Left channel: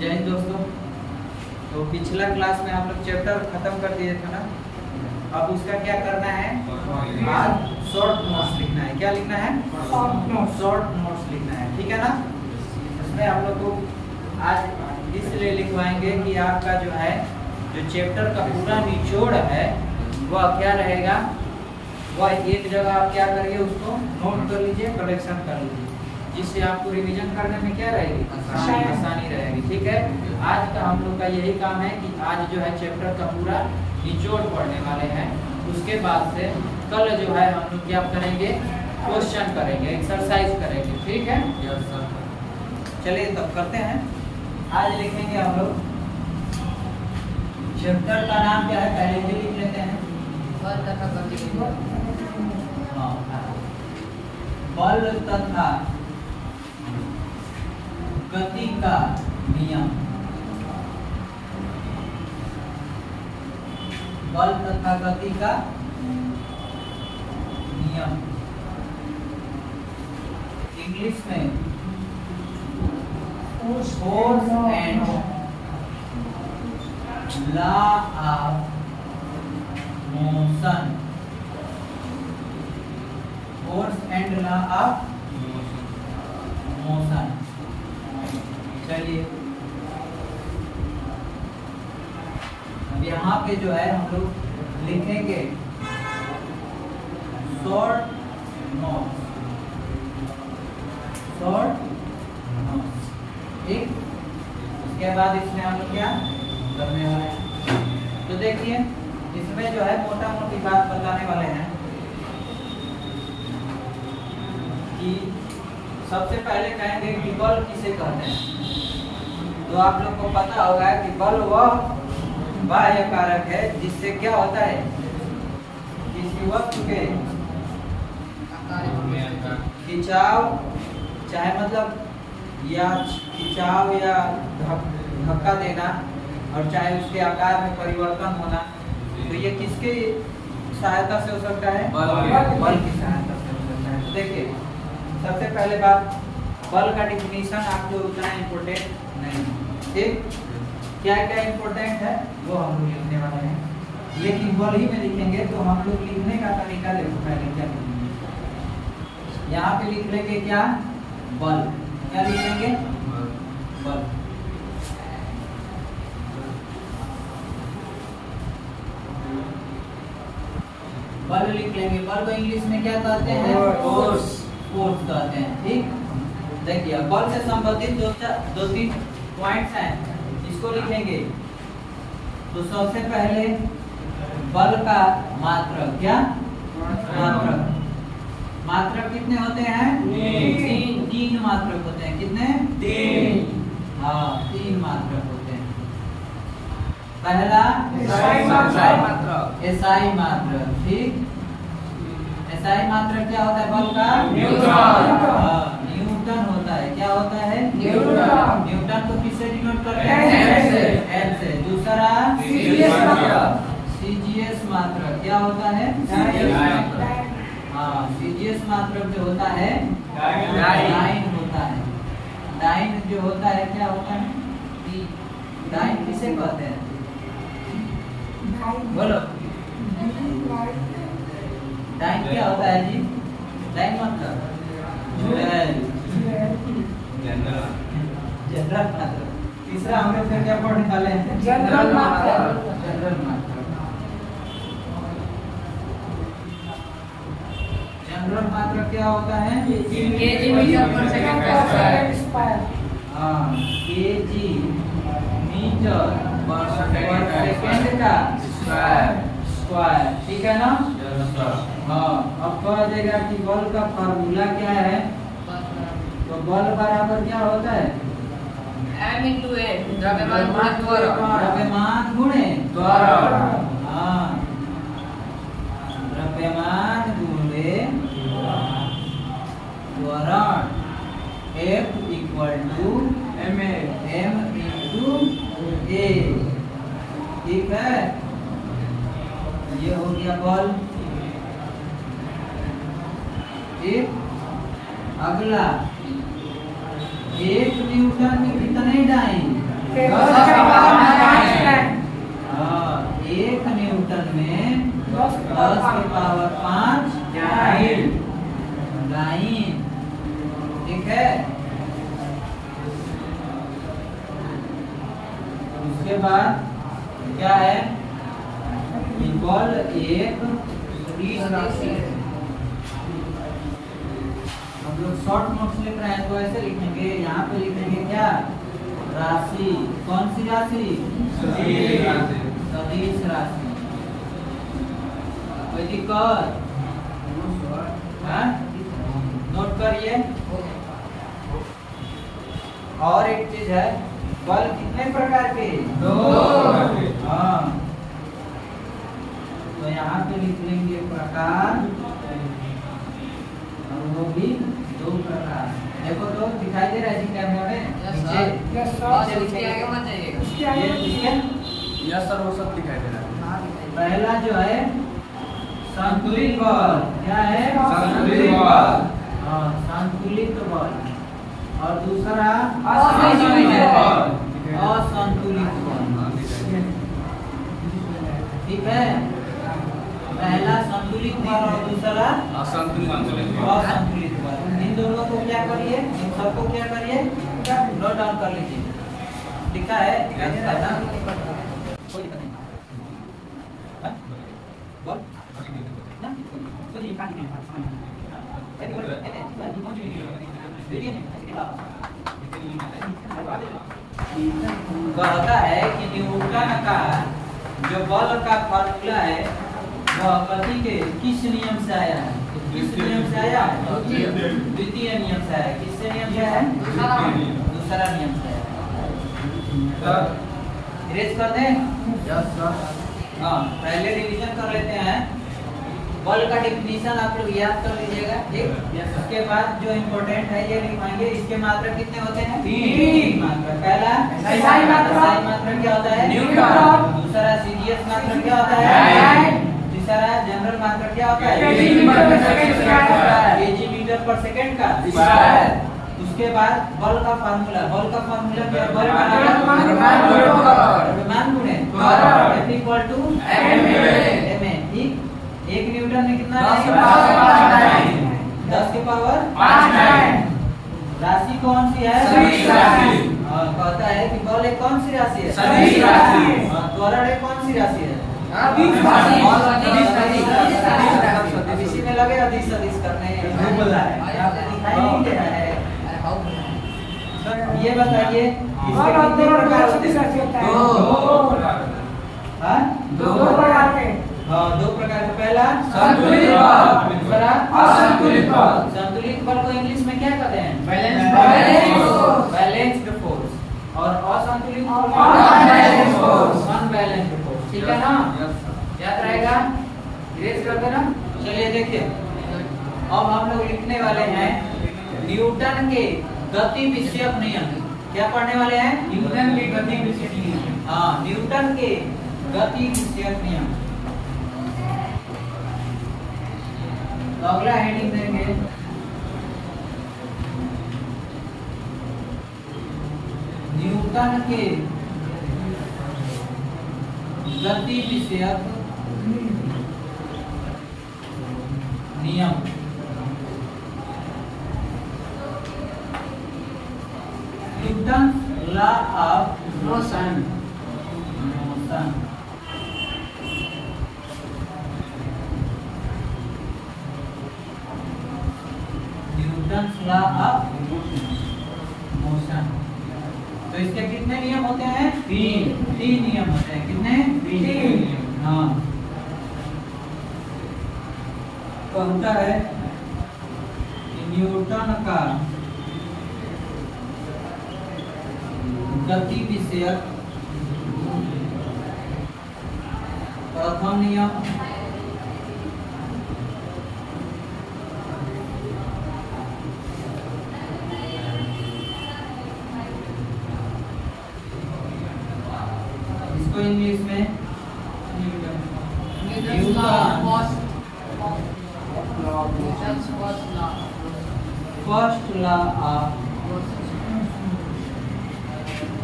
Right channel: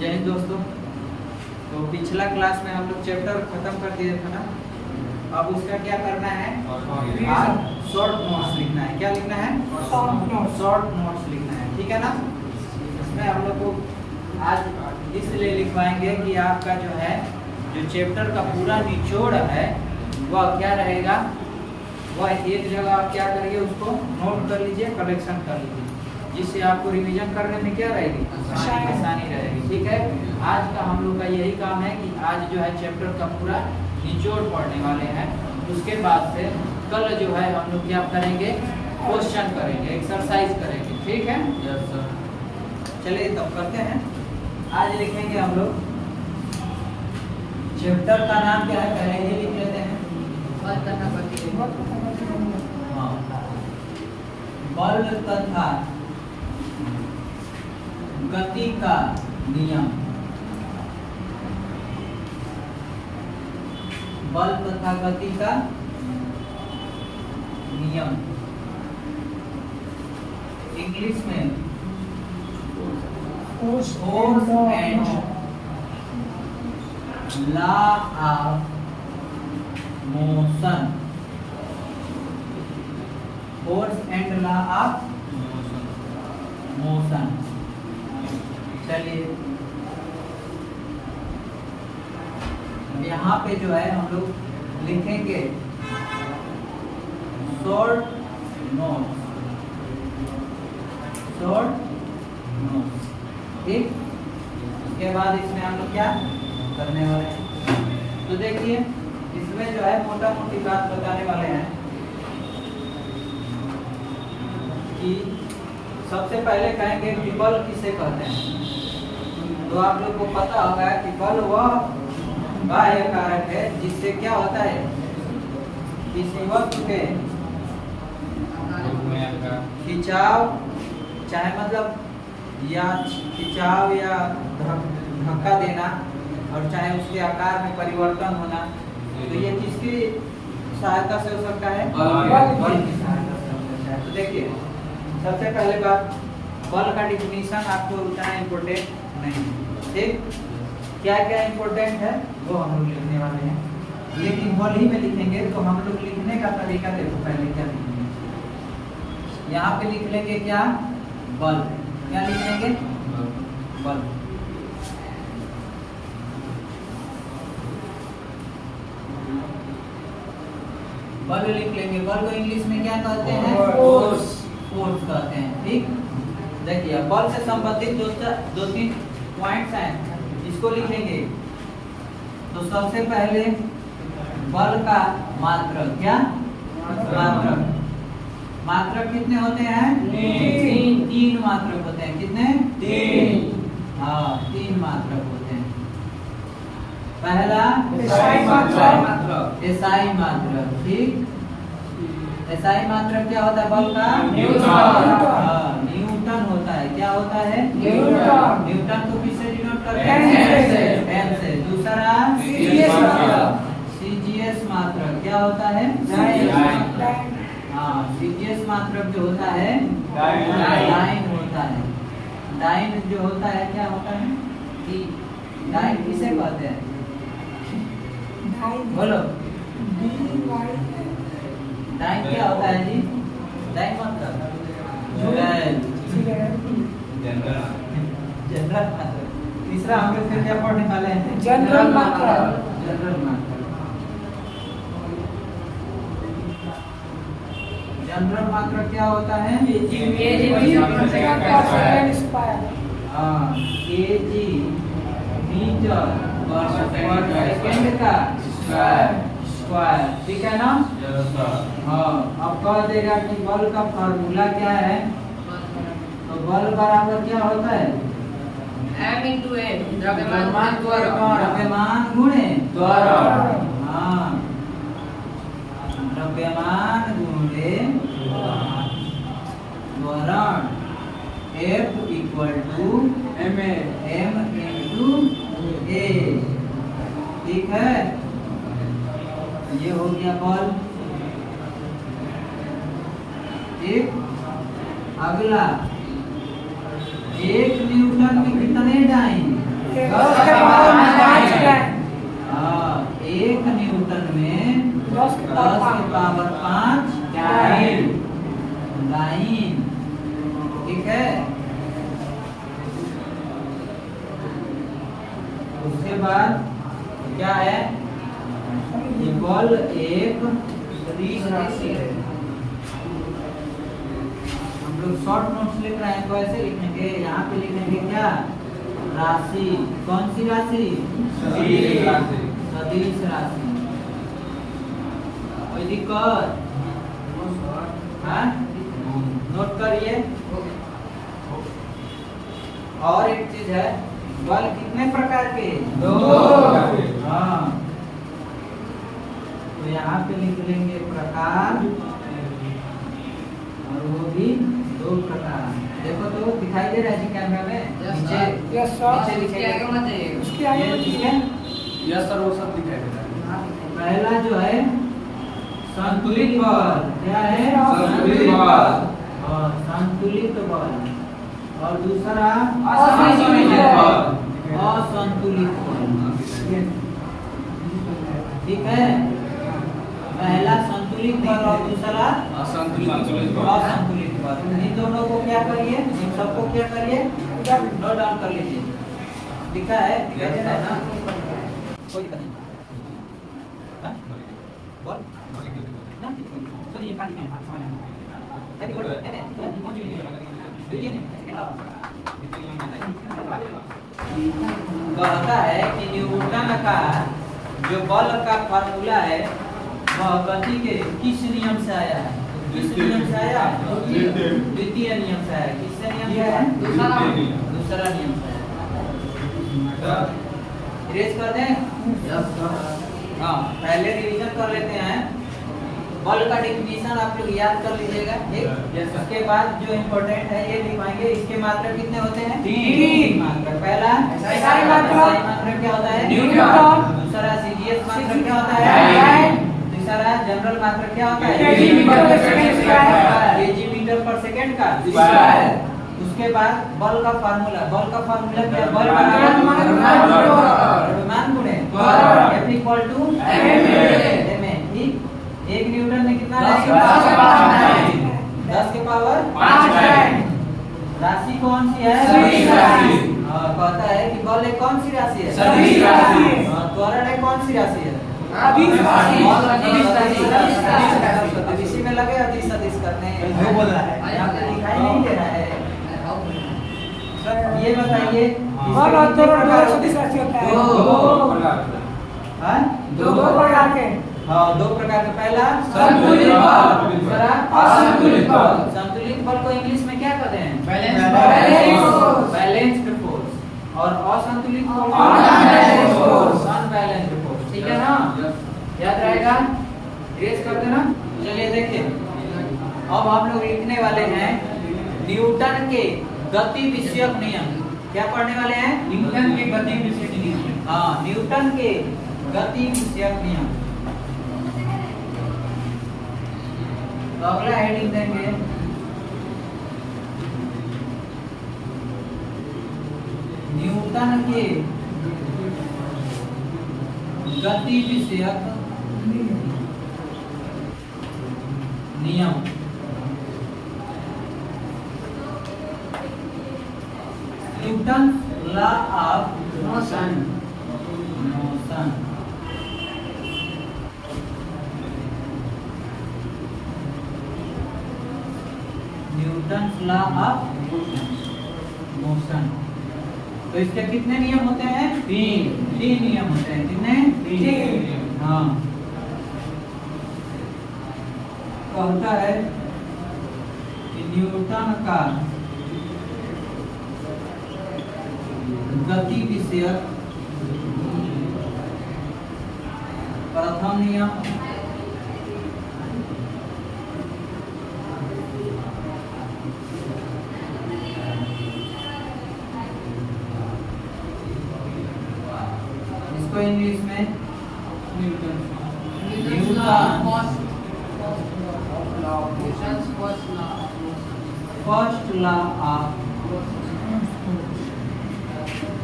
जय हिंद दोस्तों। तो पिछला क्लास में हम लोग चैप्टर खत्म कर दिए थे ना। अब उसका क्या करना है, आज शॉर्ट नोट्स लिखना है। क्या लिखना है? शॉर्ट नोट्स लिखना है, ठीक है ना। उसमें हम लोग को आज इसलिए लिखवाएंगे कि आपका जो है जो चैप्टर का पूरा निचोड़ है वह क्या रहेगा, वह एक जगह आप क्या करिए, उसको नोट कर लीजिए, कलेक्शन कर लीजिए, जिससे आपको रिवीजन करने में क्या रहेगी, आसानी रहेगी। ठीक है, आज का हम लोग का यही काम है कि आज जो है चैप्टर का पूरा निचोड़ पढ़ने वाले हैं। उसके बाद से कल जो है हम लोग क्या करेंगे, क्वेश्चन करेंगे, एक्सरसाइज करेंगे। ठीक है, यस सर। चलिए तब करते हैं। आज लिखेंगे हम लोग, चैप्टर का नाम क्या है पहले ही लिख लेते हैं। बल तथा गति का नियम। बल तथा गति का नियम इंग्लिश में force and law of motion. Force and law of motion. चलिए यहाँ पे जो है हम लोग लिखेंगे शॉर्ट नोट्स। शॉर्ट नोट्स, ठीक। उसके बाद इसमें हम लोग क्या करने वाले हैं, तो देखिए इसमें जो है मोटा मोटी बात बताने वाले हैं कि सबसे पहले कहेंगे कि बल किसे कहते हैं। तो आप लोग को पता होगा कि बल वह बाह्य कारक है जिससे क्या होता है, किसी वस्तु के खिंचाव, चाहे मतलब या खिंचाव या धक्का देना, और चाहे उसके आकार में परिवर्तन होना, तो ये किसकी सहायता से हो सकता है, बल की सहायता से हो सकता है। तो देखिए सबसे पहले बात, बल का डिफिनीशन आपको उतना इम्पोर्टेंट नहीं है, ठीक। क्या क्या इम्पोर्टेंट है वो हम लोग लिखने वाले हैं, लेकिन बल ही में लिखेंगे। तो हम लोग लिखने का तरीका देखो, पहले क्या लिखेंगे, यहाँ पे लिख लेंगे क्या, बल। क्या लिखेंगे, बल। बल लिख लेंगे। बल को इंग्लिश में क्या कहते हैं, फोर्स। फोर्स कहते हैं, ठीक। देखिए बल से संबंधित दो तीन पॉइंट्स हैं, इसको लिखेंगे। तो सबसे पहले बल का मात्रक। क्या मात्रक? मात्रक कितने होते हैं, तीन मात्रक होते हैं। कितने? तीन। हाँ, तीन मात्रक होते हैं। पहला एसआई मात्रक, ठीक। एसआई मात्रक क्या होता है, बल का न्यूटन होता है। क्या होता है, न्यूटन। न्यूटन को किससे डिनोट करते हैं, एन से। दूसरा सीजीएस मात्रक। क्या होता है, हाँ, सीजीएस मात्रक जो होता है डाइन होता है। डाइन जो होता है क्या होता है, डाइन किसे कहते हैं, बोलो। डाइन क्या होता है जी, डाइन मतलब जनरल मात्रक। तीसरा हम लोग फिर क्या पढ़ने वाले हैं, जनरल मात्रक। जनरल मात्रक, जनरल मात्रक क्या होता है, हाँ, केजी मीटर पर सेकंड का स्क्वायर, ठीक है ना। हाँ, अब कह देगा कि बल का फार्मूला क्या है। तो बल बराबर क्या होता है, द्रव्यमान गुणे त्वरण। हाँ, द्रव्यमान गुणे त्वरण। F equal to m into a, ठीक है। ये हो गया बल, ठीक। अगला 1 न्यूटन के कितने डाइन, हाँ, 1 न्यूटन में 10 के पावर 5 लाइन। ठीक है, उसके बाद क्या है, बल एक सदिश राशि है। हम लोग शॉर्ट नोट्स लिख रहे हैं तो ऐसे लिखेंगे, यहाँ पे लिखेंगे क्या, राशि। कौन सी राशि? सदिश राशि। कोई दिक्कत? हाँ, नोट करिए। और एक चीज है, बल कितने प्रकार के? 2। हाँ, तो यहाँ पे लिख लेंगे प्रकार, और वो भी 2 प्रकार। देखो तो दिखाई दे रहा है जी कैमरा में? नीचे यस सर, वो सब दिखाई दे रहा है। पहला जो है संतुलित बल। क्या है? संतुलित बल। और संतुलित बल। और दूसरा असंतुलित बल। असंतुलित बल। ठीक है, पहला संतुलित बल और दूसरा असंतुलित बल। इन दोनों को क्या करिए, इन सबको क्या करिए, नोट डाउन कर लीजिए। लिखा है, दिखाई देता है ना? कोई दिक्कत नहीं। हाँ? बल ना? तो ये काट के ऐसे बोल ऐसे कहता है कि न्यूटन का जो बल का फार्मूला है वह गति के किस नियम से आया है? किस नियम से आया? द्वितीय नियम से आया। किससे नियम से आया? दूसरा नियम से आया। रेस कर दें? हाँ, पहले रिवीजन कर लेते हैं। बल का डेफिनेशन आप लोग याद कर लीजिएगा। ठीक, इसके बाद जो इम्पोर्टेंट है ये लिखवाएंगे। इसके मात्रक कितने होते हैं? 3 मात्रक। पहला SI मात्रक क्या होता है? न्यूटन। दूसरा CGS मात्रक क्या होता है? तीसरा जनरल मात्रक क्या होता है? kg मीटर पर सेकंड का स्क्वायर। उसके बाद बल का फार्मूला। बल का फार्मूला क्या है? बल का द्रव्यमान गुणे त्वरण इक्वल टू ma। ठीक, 1 न्यूटन में कितना रहेगा? 10 के पावर 5। राशि कौन सी है? सदिश राशि। कहता है कि बल एक कौन सी राशि है? सदिश राशि। त्वरण एक कौन सी राशि है? सदिश राशि। इसी में लगे अधिक सदिश करने। बोल रहा है, आपको दिखाई नहीं दे रहा है? ये बताइए, और कितने प्रकार सदिश राशि होता है? 2 प्रकार के। हाँ, 2 प्रकार के। पहला संतुलित बल, दूसरा असंतुलित बल। संतुलित बल को इंग्लिश में क्या कहते हैं? Balanced force. और असंतुलित बल को अनबैलेंस्ड फोर्स। ठीक है ना? याद रहेगा? रेस कर देना। चलिए देखिए, अब हम लोग लिखने वाले हैं न्यूटन के गति विषयक नियम। क्या पढ़ने वाले हैं? न्यूटन के गति विषयक नियम। हाँ, न्यूटन के गति विषयक नियम। तो अगला हेडिंग देंगे न्यूटन के गति विषयक नियम। Newton law of motion. Newton's law of motion. तो इसके कितने नियम होते हैं? 3 नियम होते हैं। कितने? 3। हाँ, कहता है कि न्यूटन का गति विषयक प्रथम नियम इंग्लिश में फर्स्ट लॉ ऑफ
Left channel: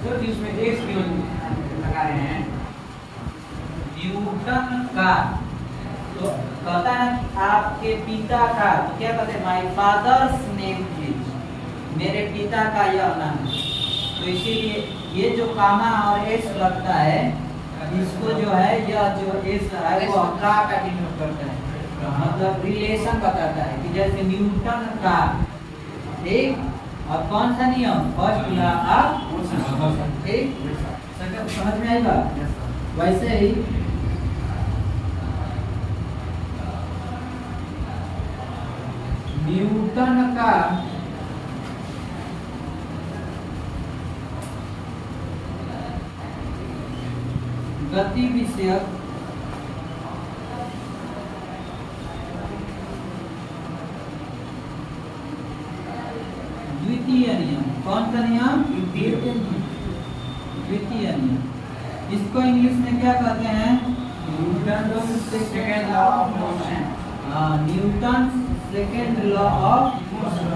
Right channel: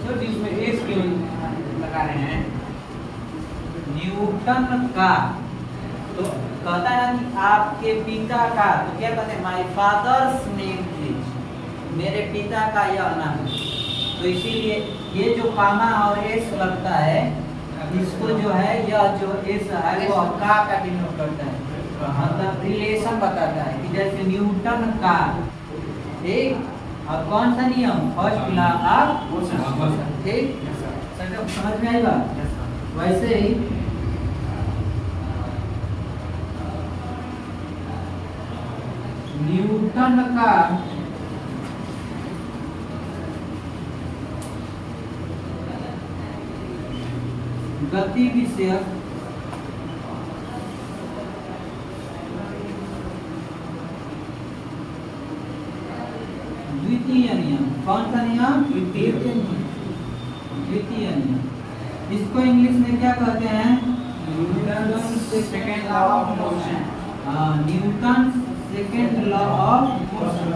सर इसमें एस क्यों लगा रहे हैं? न्यूटन का, तो कहता है ना कि आपके पिता का, तो क्या कहते हैं? माय फादर्स नेम इज, मेरे पिता का यह नाम है। तो इसीलिए ये जो कामा और एस लगता है, इसको जो है यह जो एस है वो का डिनोट करता है, मतलब रिलेशन बताता है कि जैसे न्यूटन का, ठीक। और कौन सा नियम? फर्स्ट लॉ ऑफ मोशन, ठीक। समझ में आएगा? वैसे ही न्यूटन का गति विषयक द्वितीय नियम, कौन सा नियम? द्वितीय नियम। इसको इंग्लिश में क्या कहते हैं? Newton second law of motion. हाँ, Newton second law of motion.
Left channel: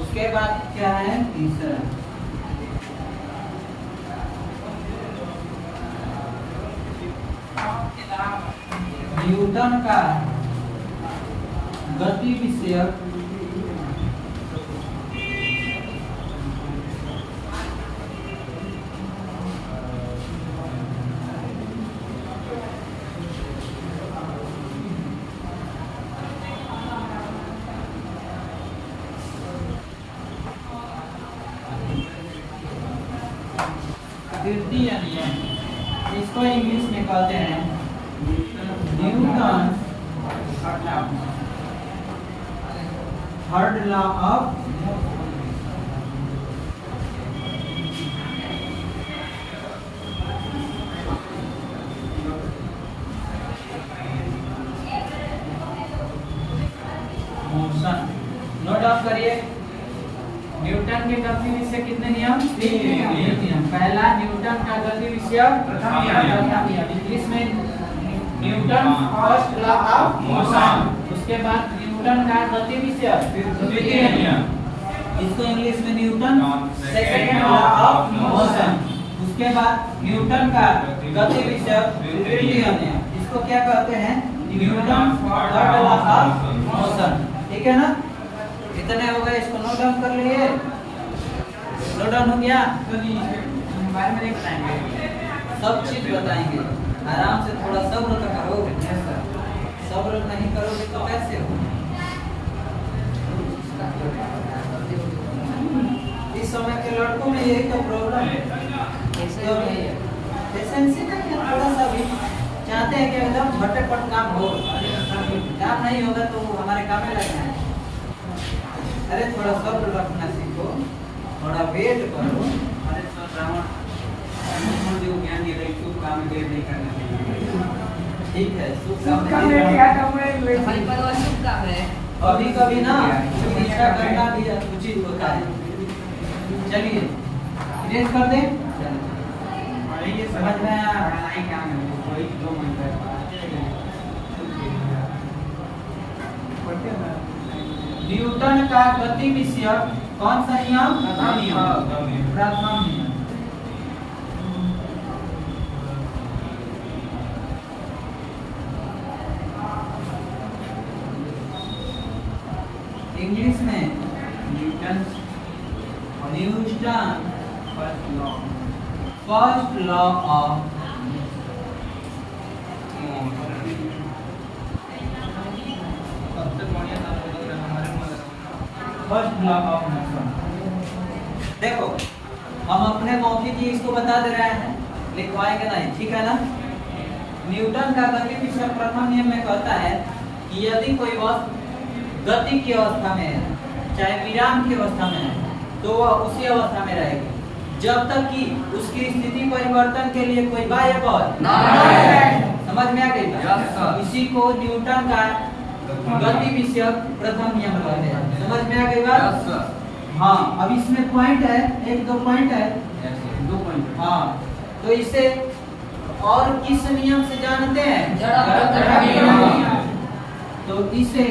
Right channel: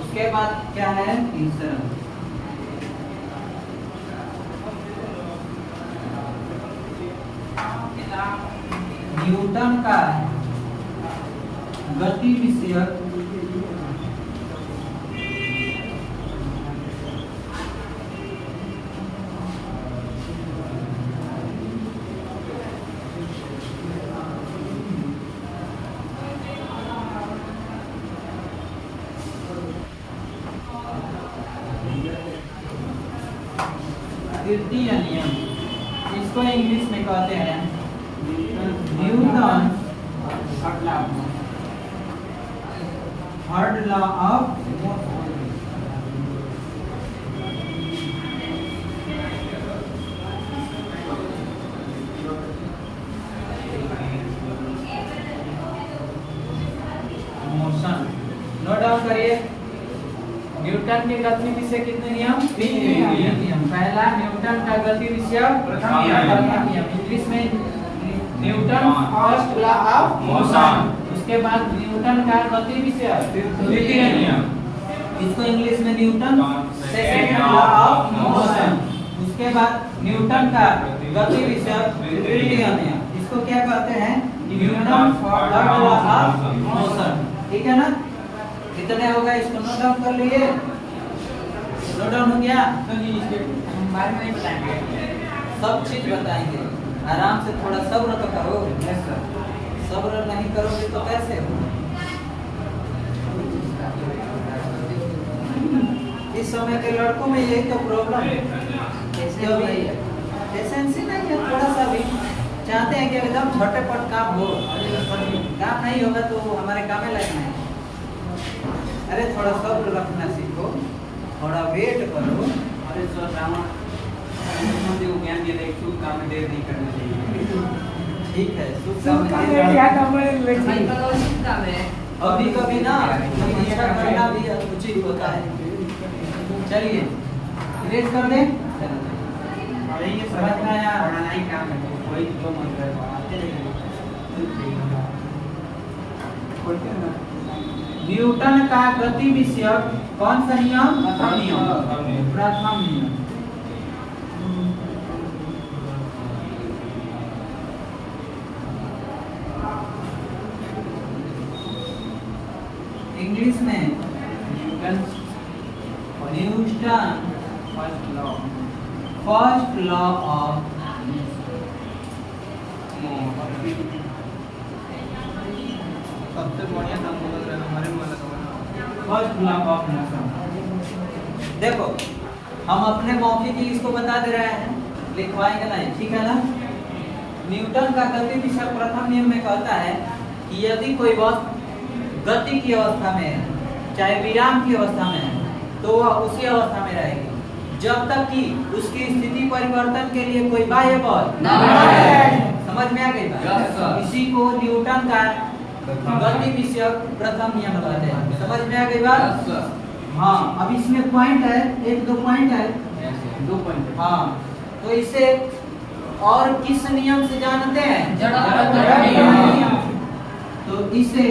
उसके बाद क्या है? तीसरा न्यूटन का गति विषयक तृतीय नियम, इसको इंग्लिश में कहते हैं Newton third law of motion. Note down करिए, न्यूटन के गति विषय कितने नियम? तीन नियम। पहला न्यूटन का गति विषय प्रथम नियम, इंग्लिश में Newton first law of motion. उसके बाद न्यूटन का गति विषय द्वितीय नियम, इसको इंग्लिश में Newton second law of motion. उसके बाद न्यूटन का गति विषय तृतीय नियम, इसको क्या कहते हैं? Newton third law of motion. ठीक है ना? कितने हो गए? इसको नोट डाउन कर लिए। नोट डाउन हो गया? तो जी बारे में नहीं बताएंगे, सब चीज बताएंगे। आराम से थोड़ा सब्र तो करो। Yes sir. सब्र नहीं करोगे तो कैसे हो? इस समय के लड़कों में यही तो प्रॉब्लम है। क्यों भी पेशेंसी नहीं है, थोड़ा सा भी चाहते हैं कि एकदम झटपट काम हो। काम नहीं होगा तो हमारे काम में लगना है। अरे थोड़ा सब्र रखना सीखो, थोड़ा वेट करो। हमारे सर रावण मुझे ज्ञान दिया था, शुभ काम में देर नहीं करना चाहिए। ठीक है, शुभ सब काम काम में क्या करना है भाई लेकिन पर और शुभ काम है। कभी कभी ना ऐसा करना भी उचित होता है। चलिए रेस कर दे। और ये समझ में आया? पढ़ाना ही काम है, वही जो मन करे। न्यूटन का गति विषय कौन सा नियम? प्रथम नियम। प्रथम नियम। इंग्लिश में Newton Newton first law. First law of सबसे बढ़िया तत्व हमारे फर्स्ट लॉ ऑफ मोशन। देखो हम अपने मौखिक ही इसको बता दे रहे हैं, लिखवाएंगे नहीं, ठीक है ना? न्यूटन का गति विषय प्रथम नियम में कहता है कि यदि कोई वस्तु गति की अवस्था में है, चाहे विराम की अवस्था में है, तो वह उसी अवस्था में रहेगी जब तक कि उसकी स्थिति परिवर्तन के लिए कोई बाह्य बल समझ में आ गई बात? इसी को न्यूटन का गति विषय प्रथम नियम कहते हैं। समझ में आ गई बात? हाँ, अब इसमें पॉइंट है, एक दो पॉइंट है। 2 पॉइंट। हाँ, तो इससे और किस नियम से जानते हैं? जड़त्व का नियम। तो इसे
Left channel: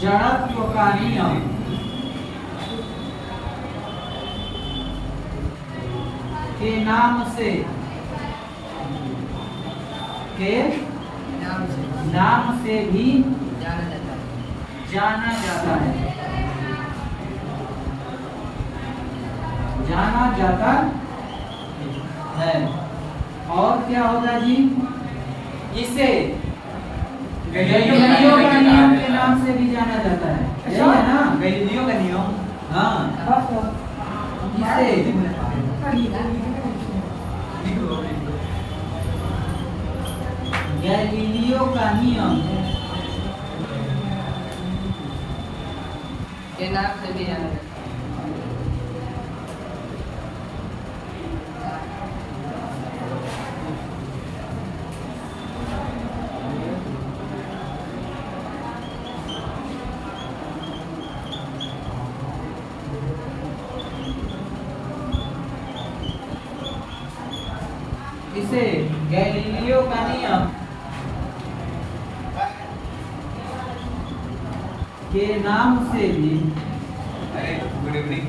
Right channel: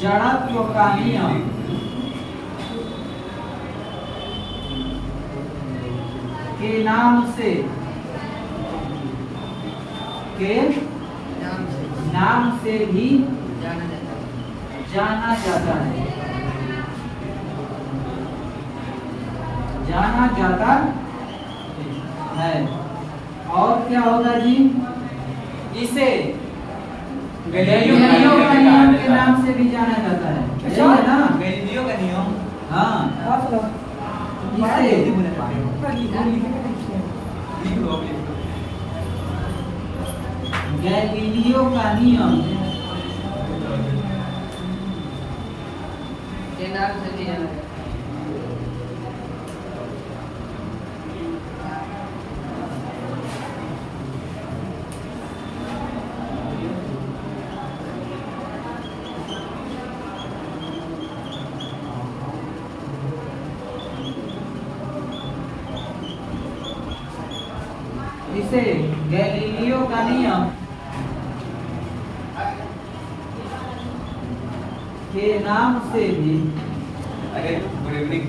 जड़त्व का नियम के नाम से भी जाना जाता है। जाना जाता है। और क्या होगा जी? इसे गैलीलियो का नियम के नाम से भी जाना जाता है। यही है ना? गैलीलियो का नियम। हाँ, इसे गैलीलियो का नियम के नाम से भी जाना जाता है। इसे गैलीलियो का नियम के नाम से भी अरे गुड इवनिंग।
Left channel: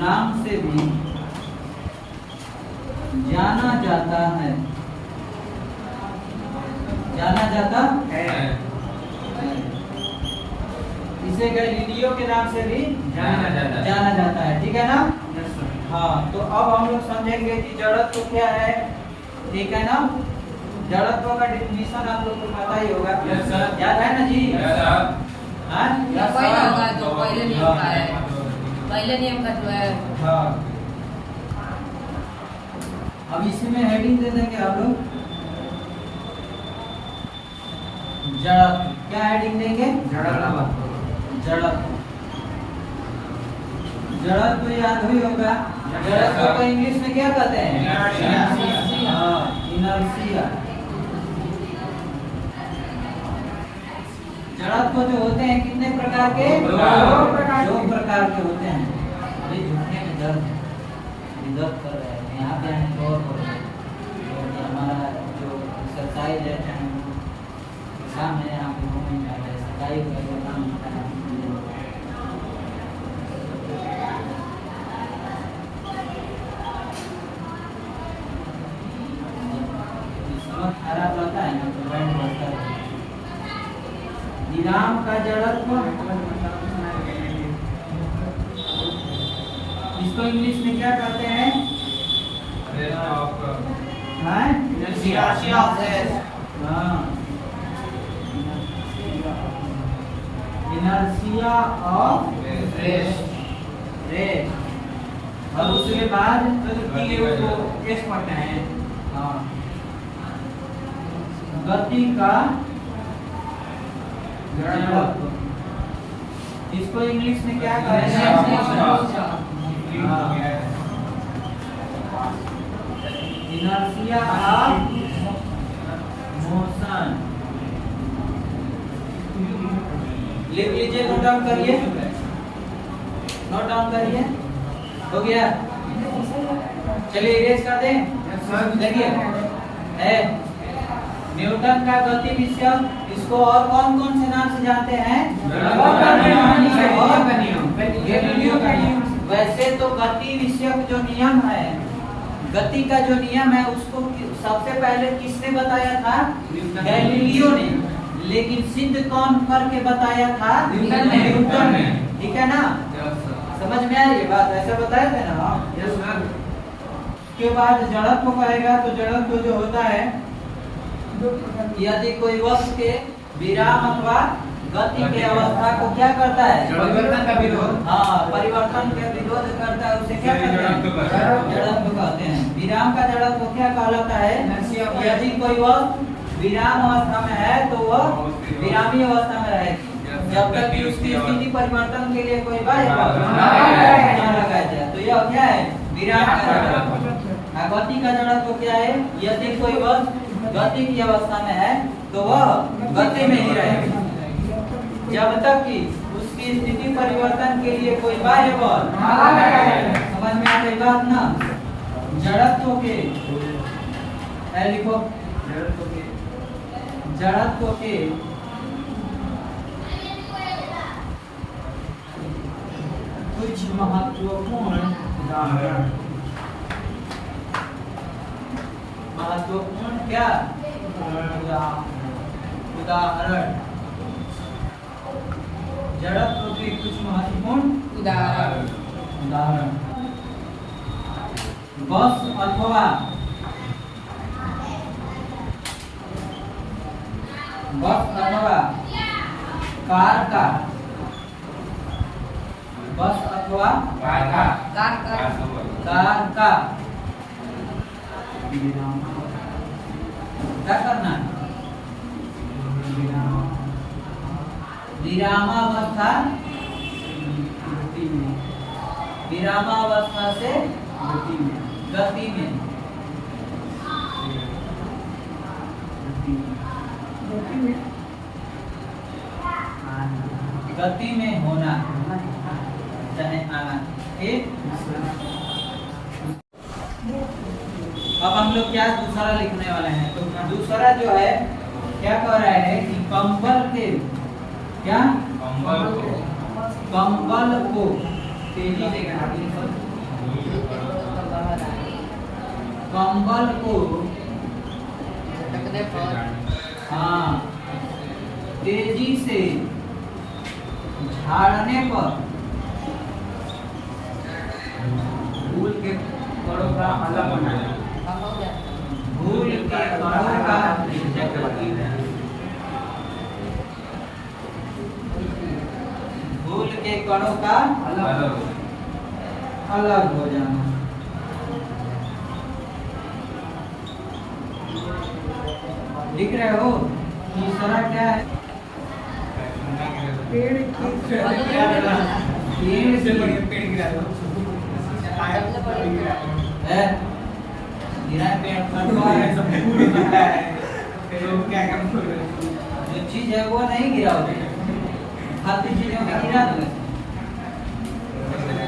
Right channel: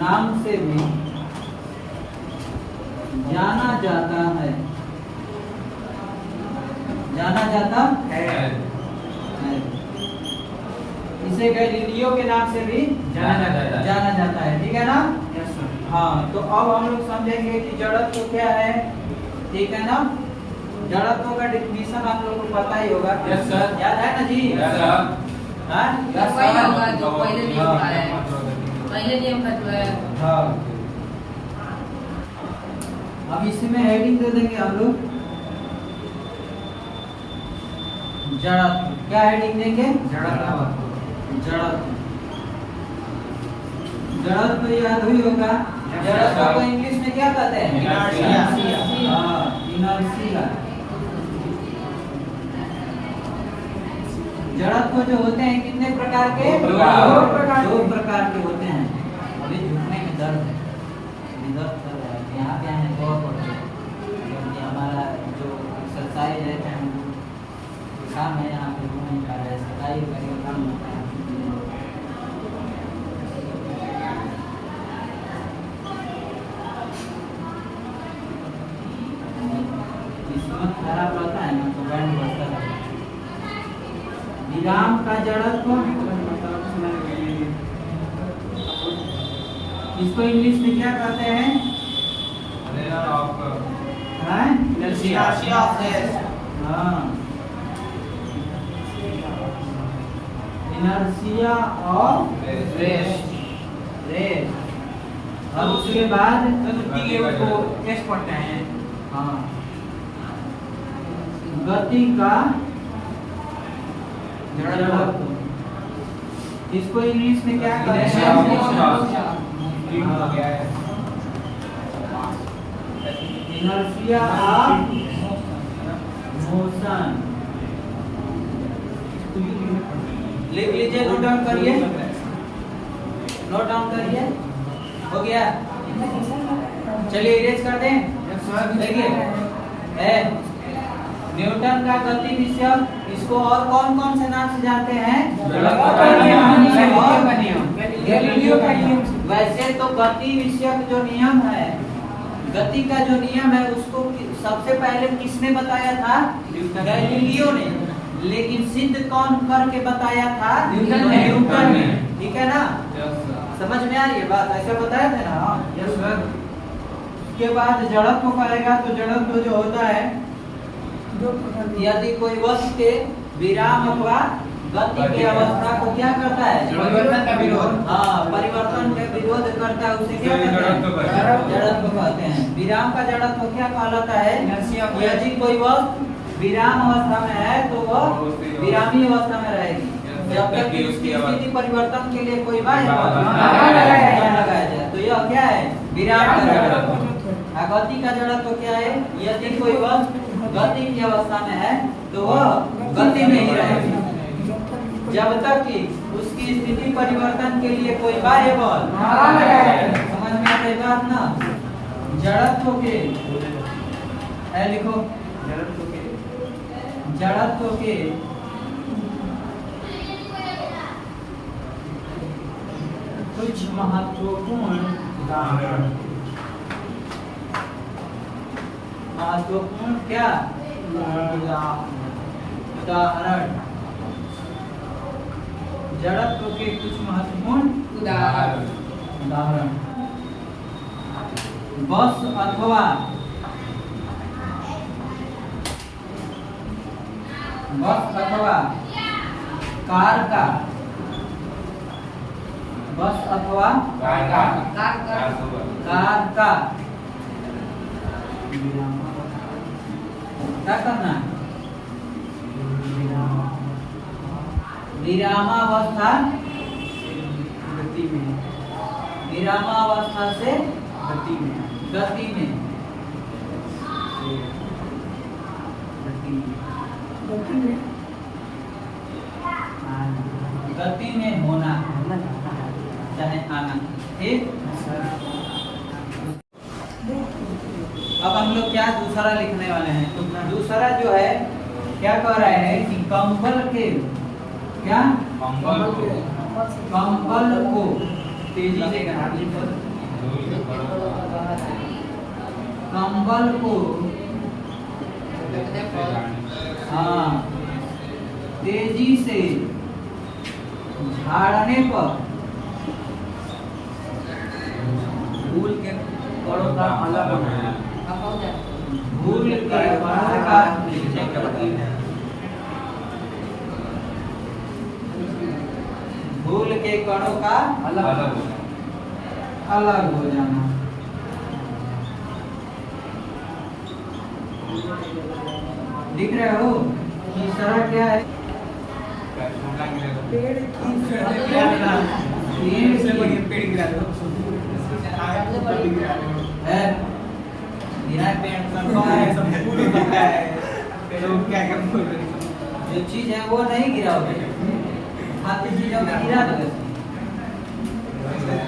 नाम से भी जाना जाता है। जाना जाता है। इसे गैलीलियो के नाम से भी जाना जाता है। ठीक है ना? Yes sir. हाँ, तो अब हम लोग समझेंगे कि जड़त्व क्या है। ठीक है ना? जड़त्व का डिफिनीशन आप लोग को पता ही होगा। Yes sir. याद है ना जी? Yes sir. हाँ? पहले होगा जो पहले नियम का है। पहले नियम का जो है हाँ। अब इसमें हेडिंग दे देंगे हम लोग। जड़त्व। क्या हेडिंग देंगे? जड़त्व। जड़त्व याद हुई होगा। जड़त्व को इंग्लिश में क्या कहते हैं? इनर्शिया। हाँ, इनर्शिया। जड़त्व जो होते हैं कितने प्रकार के? दो प्रकार के होते हैं। अभी झुकने में दर्द है, अभी दर्द कर रहा है। यहाँ पे आने दो कर रहे हैं, क्योंकि हमारा जो एक्सरसाइज है काम है, यहाँ पे घूमने जा रहे हैं, सगाई करेगा काम होता है। किस्मत खराब रहता है ना तो बैंड बजता है। विराम का जड़त्व, इसको इंग्लिश में क्या कहते हैं? हाँ? Inertia of rest. अब उसके बाद एस पढ़ते हैं। हाँ, गति का जड़त्व, इसको इंग्लिश में क्या कहते हैं? Inertia of motion. लिख लीजिए, नोट डाउन करिए, नोट डाउन करिए। हो गया? चलिए इरेज कर दें। देखिए, न्यूटन का गति विषय, इसको और कौन कौन से नाम से जानते हैं? गैलीलियो का नियम। वैसे तो गति विषयक जो नियम है, गति का जो नियम है, उसको सबसे पहले किसने बताया था? गैलीलियो ने। लेकिन सिद्ध कौन करके बताया था? न्यूटन ने। ठीक है ना? समझ में आ रही है बात? ऐसा बताया था ना? Yes sir. उसके बाद जड़त्व कहेगा तो जड़त्व जो होता है, यदि कोई वस्तु के विराम अथवा गति के अवस्था को क्या करता है? परिवर्तन का विरोध। हाँ, परिवर्तन का विरोध करता है, उसे क्या कहते हैं? जड़त्व कहते हैं। विराम का जड़त्व क्या कहलाता है? यदि कोई वस्तु विराम अवस्था में है तो वह विरामी अवस्था में रहेगी, जब तक कि उसकी स्थिति परिवर्तन के लिए कोई बाध्य लगाया जाए। तो यह क्या है? विराम का जड़त्व। गति का जड़त्व क्या है? यदि कोई वस्तु गति की अवस्था में है तो वह गति में ही रहेगी। जब तक कि उसकी स्थिति परिवर्तन के लिए कोई बाह्य बल समझ में आ गई बात ना। जड़त्व के लिखो, जड़त्व के कुछ महत्वपूर्ण क्या उदाहरण, जड़त्व के कुछ महत्वपूर्ण उदाहरण। बस अथवा कार का, बस अथवा कार का क्या करना है? विरामावस्था से गति में होना चाहे आना। ठीक, अब हम लोग क्या दूसरा लिखने वाले हैं। तो दूसरा जो है क्या कह रहे हैं कि कंबल के क्या कंबल को तेजी से कंबल को तेजी से झाड़ने पर धूल के कणों का अलग होना, धूल के कणों का धूल के कणों का अलग हो जाना। दिख रहे हो? तीसरा क्या है? पेड़ की है जो चीज है वो नहीं गिरा हो, खाती चीजों में गिरा दो।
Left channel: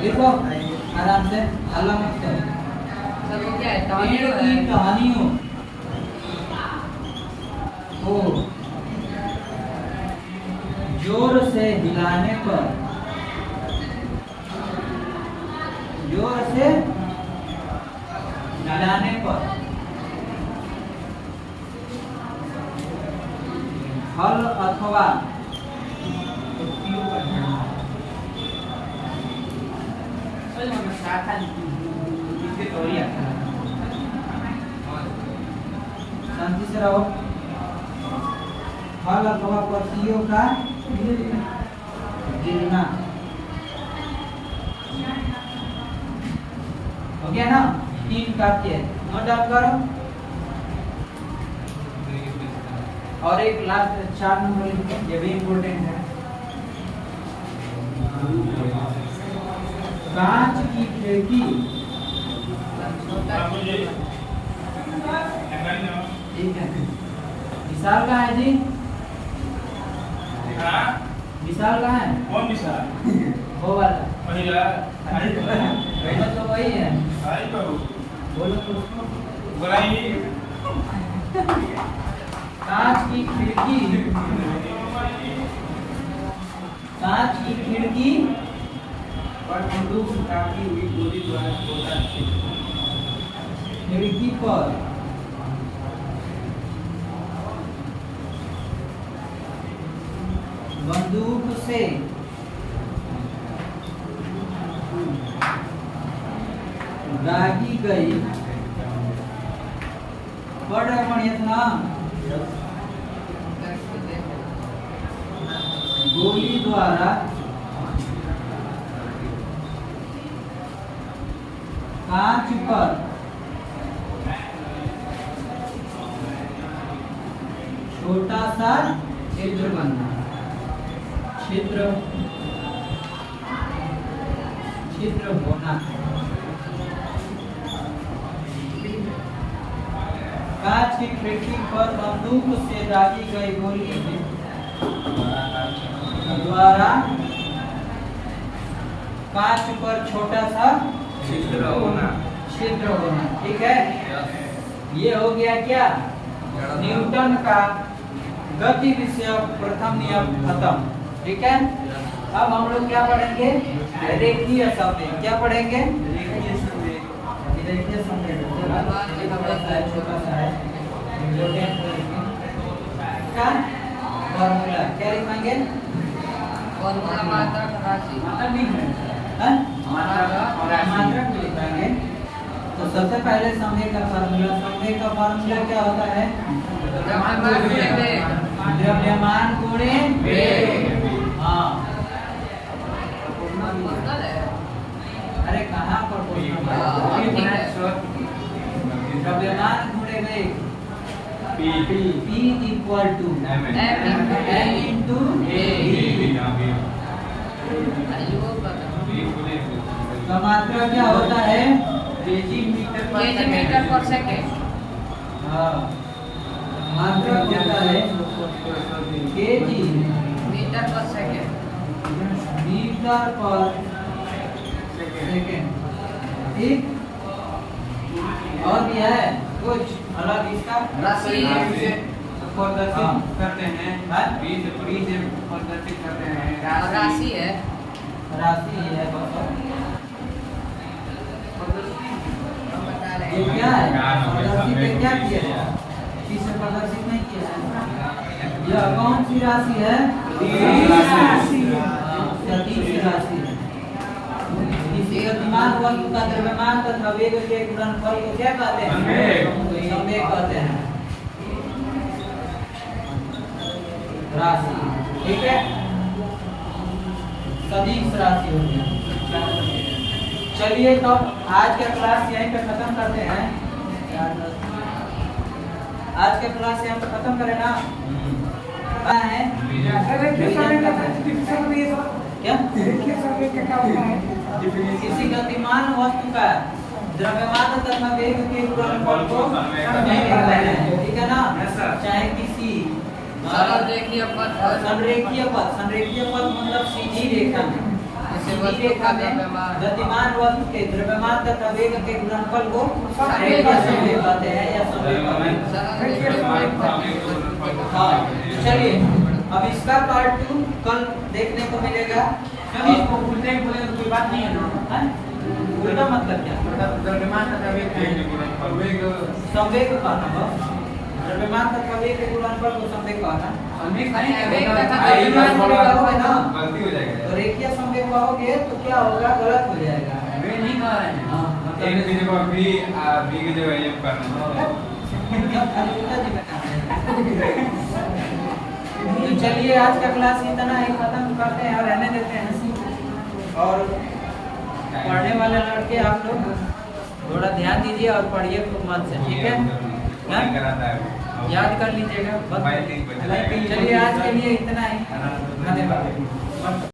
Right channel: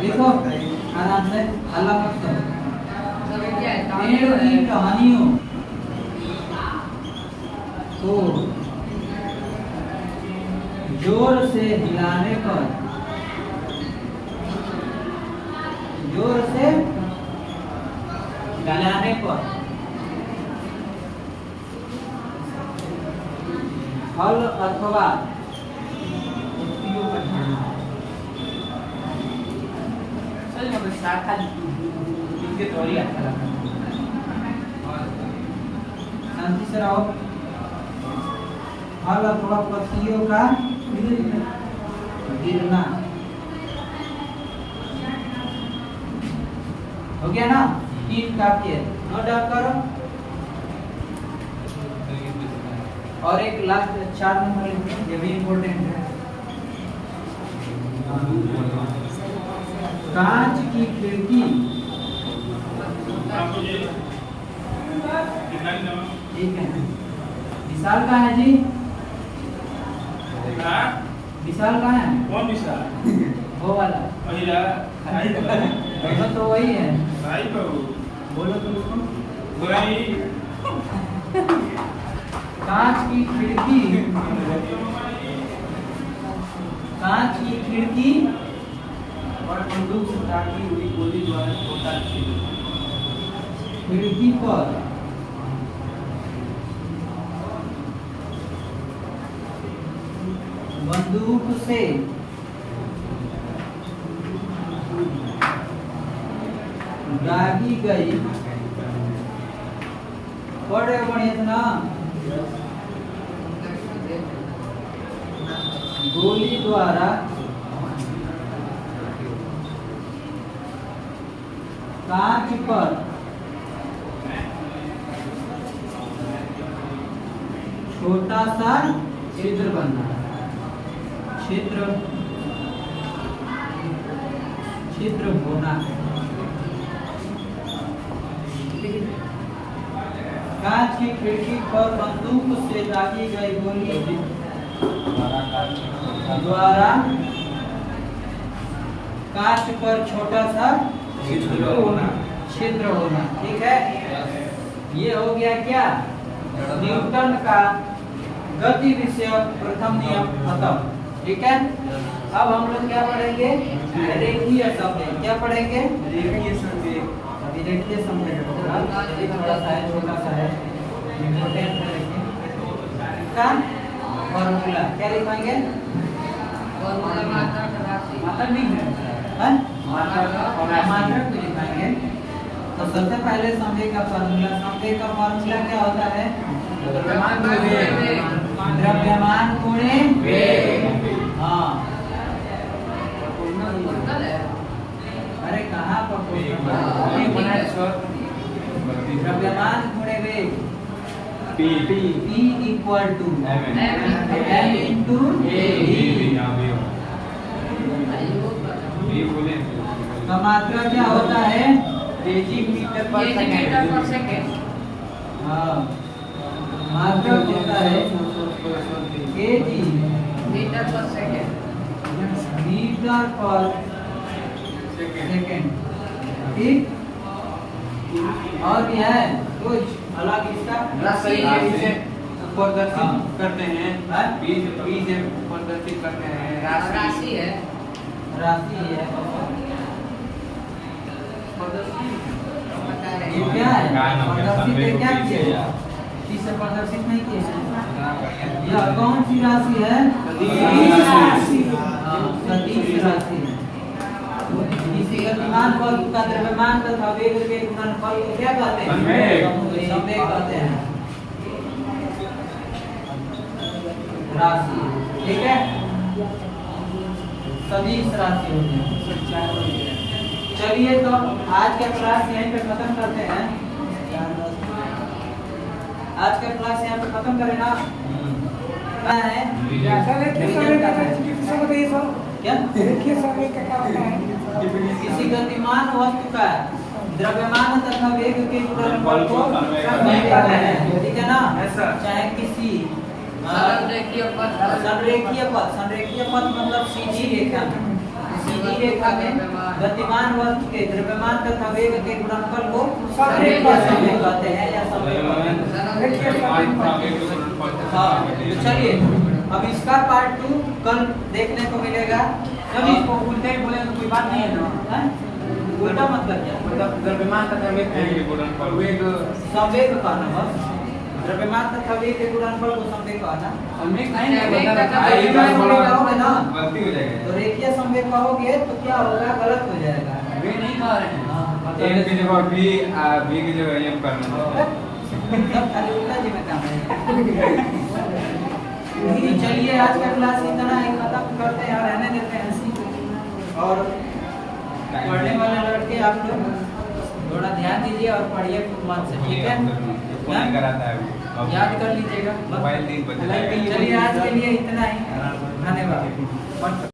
देखो आराम से, हल्ला मत करो। पेड़ की टहनियों को जोर से हिलाने पर, जोर से हिलाने पर हल अथवा शांति से रहो। हल अथवा पत्तियों का गिरना हो गया ना। 3 वाक्य नोट डाउन करो। और एक लास्ट 4 नंबर लिखो, ये भी इम्पोर्टेंट है। कांच की खिड़की, ठीक है। विशाल कहाँ है जी? विशाल कहाँ है? कौन विशाल? वो वाला तो वही है। बोलो तो उसको। कांच की खिड़की, कांच की खिड़की और बंदूक से दागी हुई गोली द्वारा छोटा खिड़की पर बंदूक से दागी गई, पढ़ रहे बढ़िया ना, गोली द्वारा कांच पर छोटा सा छिद्र बनना, छिद्र होना। कांच की खिड़की पर बंदूक से दागी गई गोली द्वारा कांच पर छोटा सा छिद्र होना। छिद्र होना। ठीक है, ये हो गया क्या, न्यूटन का गति विषयक प्रथम नियम खत्म। ठीक है, अब हम लोग क्या पढ़ेंगे, रेखीय संवेग। क्या पढ़ेंगे, रेखीय संवेग। अभी रेखीय संवेग थोड़ा सा है, छोटा सा है, इम्पोर्टेंट है। इसका फॉर्मूला क्या लिखेंगे, फॉर्मूला मात्रक राशि। मात्रक नहीं है, हैं? मात्रक और राशि। मात्रक भी लिखेंगे। तो सबसे पहले संवेग का फॉर्मूला, संवेग का फॉर्मूला क्या होता है, द्रव्यमान गुणे वेग। द्रव्यमान गुणे वेग। हाँ, क्वेश्चन है। अरे कहाँ पर क्वेश्चन है? ये बना है सर। द्रव्यमान गुणे वेग P P equal to M M into का मात्रा क्या होता है, kg metre per kg metre per second. हाँ, मात्रा होता है kg metre per second. Metre per second. ठीक, और भी है कुछ अलग इसका, राशि। से प्रदर्शित करते हैं। हाँ? बी से प्रदर्शित करते हैं राशि है। राशि है बस। बता रहे ये हैं। क्या है, प्रदर्शित है, क्या किया है, किसे प्रदर्शित नहीं किया है, यह कौन सी राशि है, हाँ, सदिश राशि। किसी गतिमान वस्तु का द्रव्यमान तथा वेग के गुणनफल को क्या कहते हैं, संवेग। संवेग कहते हैं, राशि। ठीक है, सदिश राशि होती है। चलिए तो आज का क्लास यहीं पे खत्म करते हैं। आज का क्लास यहाँ पे खत्म करें ना, क्या है, क्या किसी गतिमान वस्तु का द्रव्यमान तथा वेग के गुणनफल को संवेग कहते हैं। ठीक है ना, चाहे किसी संरेखीय पथ पर। संरेखीय पथ, संरेखीय पथ मतलब सीधी रेखा में, सीधी रेखा में गतिमान वस्तु के द्रव्यमान तथा वेग के गुणनफल को संवेग कहते हैं या संवेग कहते हैं। हाँ, तो चलिए अब इसका पार्ट 2 कल देखने को मिलेगा। कभी इसको उल्टे ही बोले तो कोई बात नहीं है ना। हैं? उल्टा मतलब क्या, मतलब द्रव्यमान तथा वेग और वेग संवेग कहना, बस द्रव्यमान तथा वेग के गुणनफल को संवेग कहना। और वेग नहीं है, वेग मतलब तथा रेखीय संवेग कहोगे ना, गलती हो जाएगी। तो रेखीय संवेग कहोगे तो क्या होगा, गलत हो जाएगा। वे नहीं कह रहे हैं। हाँ, एक की जगह बी की जगह एम करना उल्टा जी में काम है। तो चलिए आज का क्लास इतना ही खत्म करते हैं और रहने देते हैं। और पढ़ने वाले लड़के आप लोग थोड़ा ध्यान दीजिए और पढ़िए खूब मन से। ठीक है, हाँ? कराता है याद कर लीजिएगा। मोबाइल नहीं बदला है। चलिए आज के लिए इतना ही, धन्यवाद।